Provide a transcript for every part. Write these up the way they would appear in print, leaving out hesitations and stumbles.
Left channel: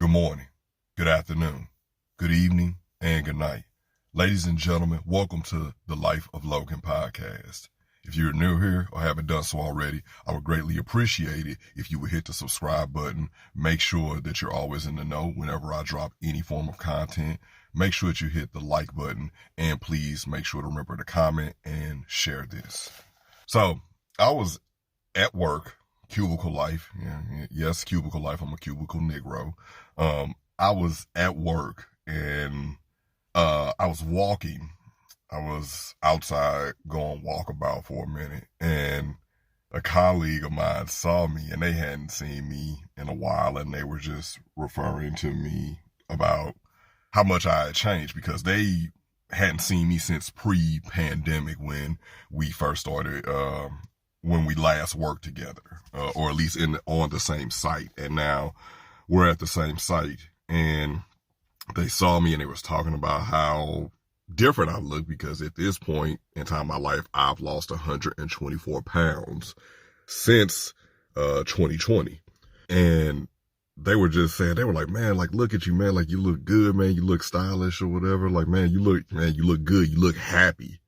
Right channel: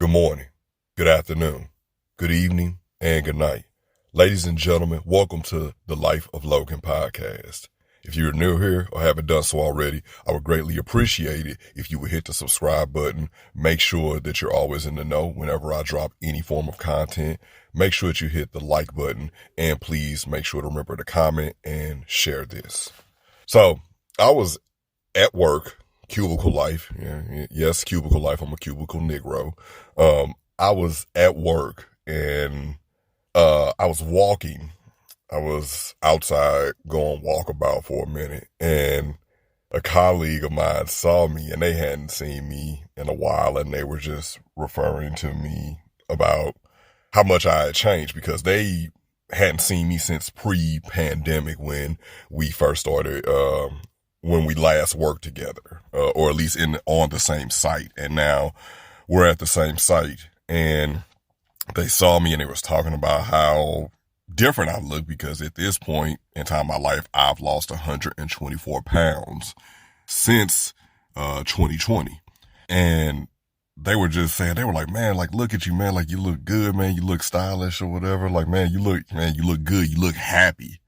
Good morning, good afternoon, good evening, and good night. Ladies and gentlemen, welcome to the Life of Logan podcast. If you're new here or haven't done so already, I would greatly appreciate it if you would hit the subscribe button. Make sure that you're always in the know whenever I drop any form of content. Make sure that you hit the like button, and please make sure to remember to comment and share this. So I was at work, cubicle life. Yes, cubicle life. I'm a cubicle Negro. I was at work and I was walking. I was outside going walkabout for a minute, and a colleague of mine saw me, and they hadn't seen me in a while, and they were just referring to me about how much I had changed because they hadn't seen me since pre-pandemic when we first started, when we last worked together, or at least on the same site. And now we're at the same site, and they saw me and they was talking about how different I look because at this point in time in my life, I've lost 124 pounds since 2020. And they were just saying, they were like, man, like, look at you, man, like, you look good, man, you look stylish or whatever. Like, man, you look good, you look happy.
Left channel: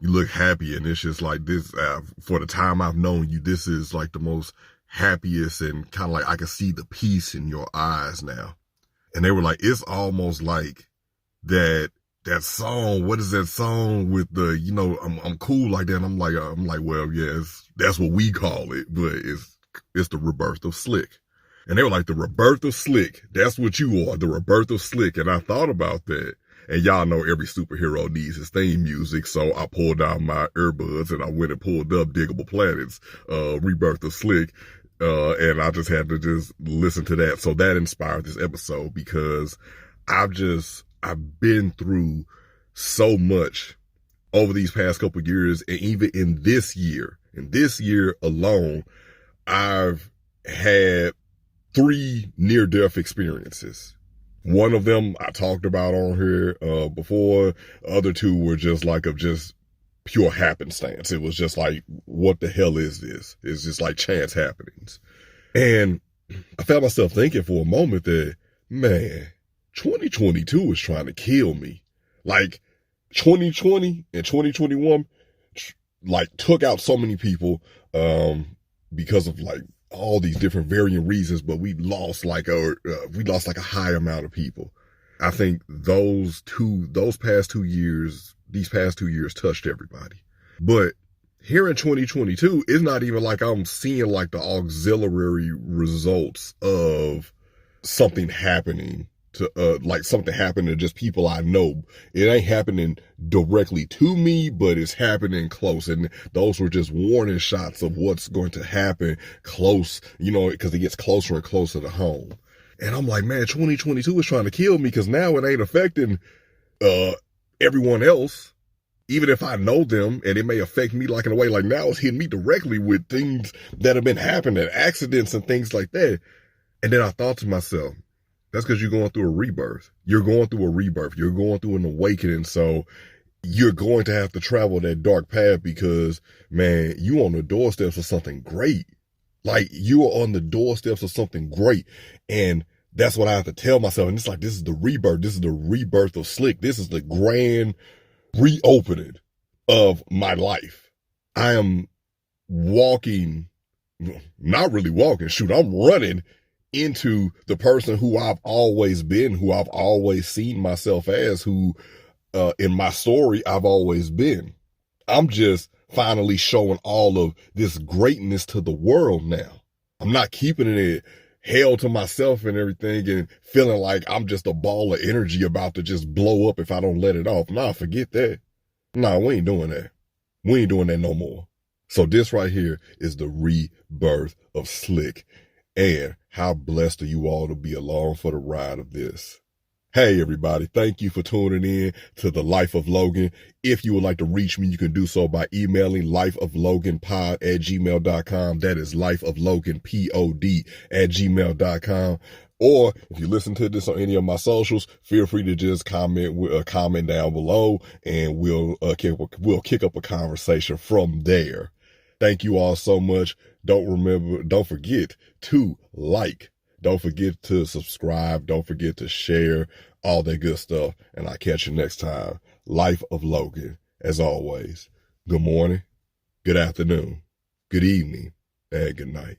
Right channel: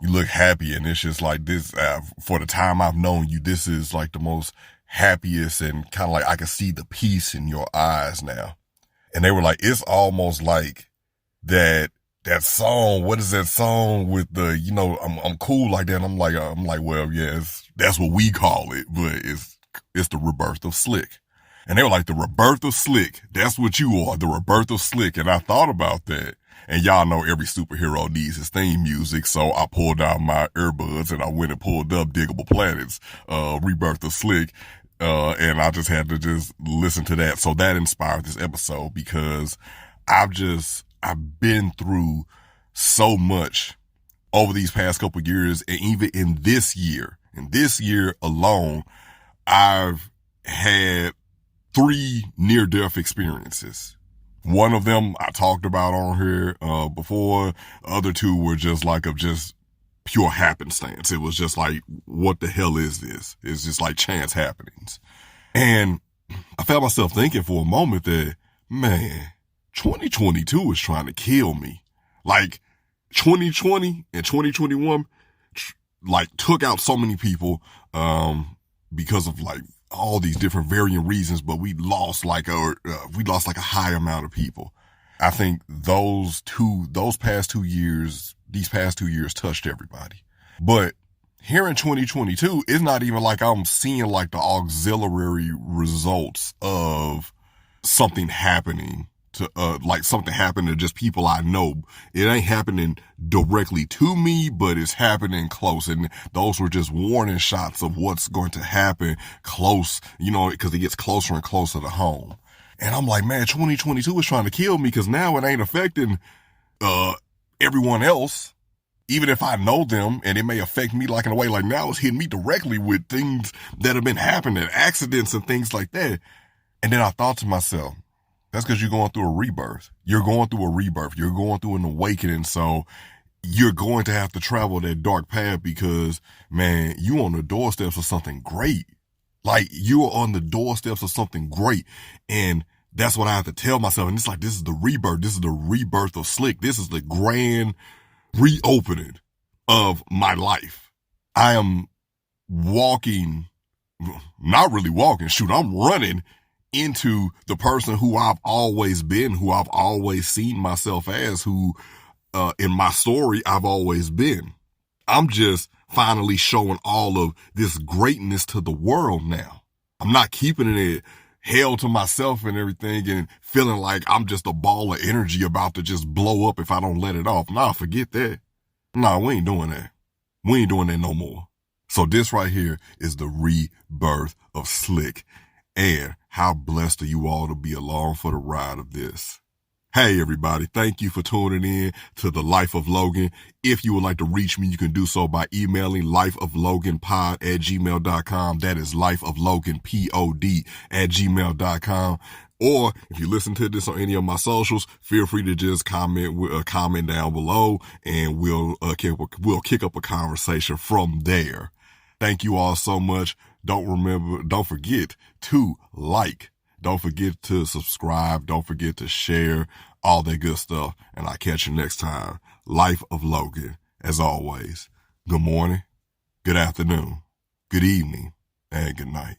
You look happy, and it's just like this, for the time I've known you, this is like the most happiest, and kind of like I can see the peace in your eyes now. And they were like, it's almost like that song. What is that song with the, I'm cool like that. And I'm like, well, yeah, that's what we call it, but it's the Rebirth of Slick. And they were like, the Rebirth of Slick. That's what you are, the Rebirth of Slick. And I thought about that. And y'all know every superhero needs his theme music, so I pulled out my earbuds and I went and pulled up Diggable Planets, Rebirth of Slick, and I just had to just listen to that. So that inspired this episode because I've been through so much over these past couple of years, and even in this year alone, I've had 3 near-death experiences. One of them I talked about on here before. The other 2 were just like of just pure happenstance. It was just like, what the hell is this? It's just like chance happenings. And I found myself thinking for a moment that, man, 2022 is trying to kill me. Like 2020 and 2021 like took out so many people because of like all these different varying reasons, but we lost like a high amount of people. I think these past 2 years touched everybody. But here in 2022, it's not even like I'm seeing like the auxiliary results of something happening to something happened to just people I know. It ain't happening directly to me, but it's happening close. And those were just warning shots of what's going to happen close, because it gets closer and closer to home. And I'm like, man, 2022 is trying to kill me because now it ain't affecting everyone else. Even if I know them, and it may affect me like in a way, like now it's hitting me directly with things that have been happening, accidents and things like that. And then I thought to myself, that's because you're going through a rebirth. You're going through a rebirth. You're going through an awakening. So you're going to have to travel that dark path because, man, you on the doorsteps of something great. Like, you are on the doorsteps of something great. And that's what I have to tell myself. And it's like, this is the rebirth. This is the rebirth of Slick. This is the grand reopening of my life. I am walking, not really walking, shoot, I'm running into the person who I've always been, who I've always seen myself as, who in my story I've always been. I'm just finally showing all of this greatness to the world now. I'm not keeping it held to myself and everything and feeling like I'm just a ball of energy about to just blow up if I don't let it off. Nah, forget that. Nah, we ain't doing that. We ain't doing that no more. So this right here is the rebirth of Slick. And how blessed are you all to be along for the ride of this. Hey, everybody. Thank you for tuning in to the Life of Logan. If you would like to reach me, you can do so by emailing lifeofloganpod@gmail.com. That is lifeofloganpod@gmail.com. Or if you listen to this on any of my socials, feel free to just comment down below, and we'll kick up a conversation from there. Thank you all so much. Don't forget to like, Don't forget to subscribe. Don't forget to share all that good stuff. And I'll catch you next time. Life of Logan, as always. Good morning, good afternoon, good evening, and good night.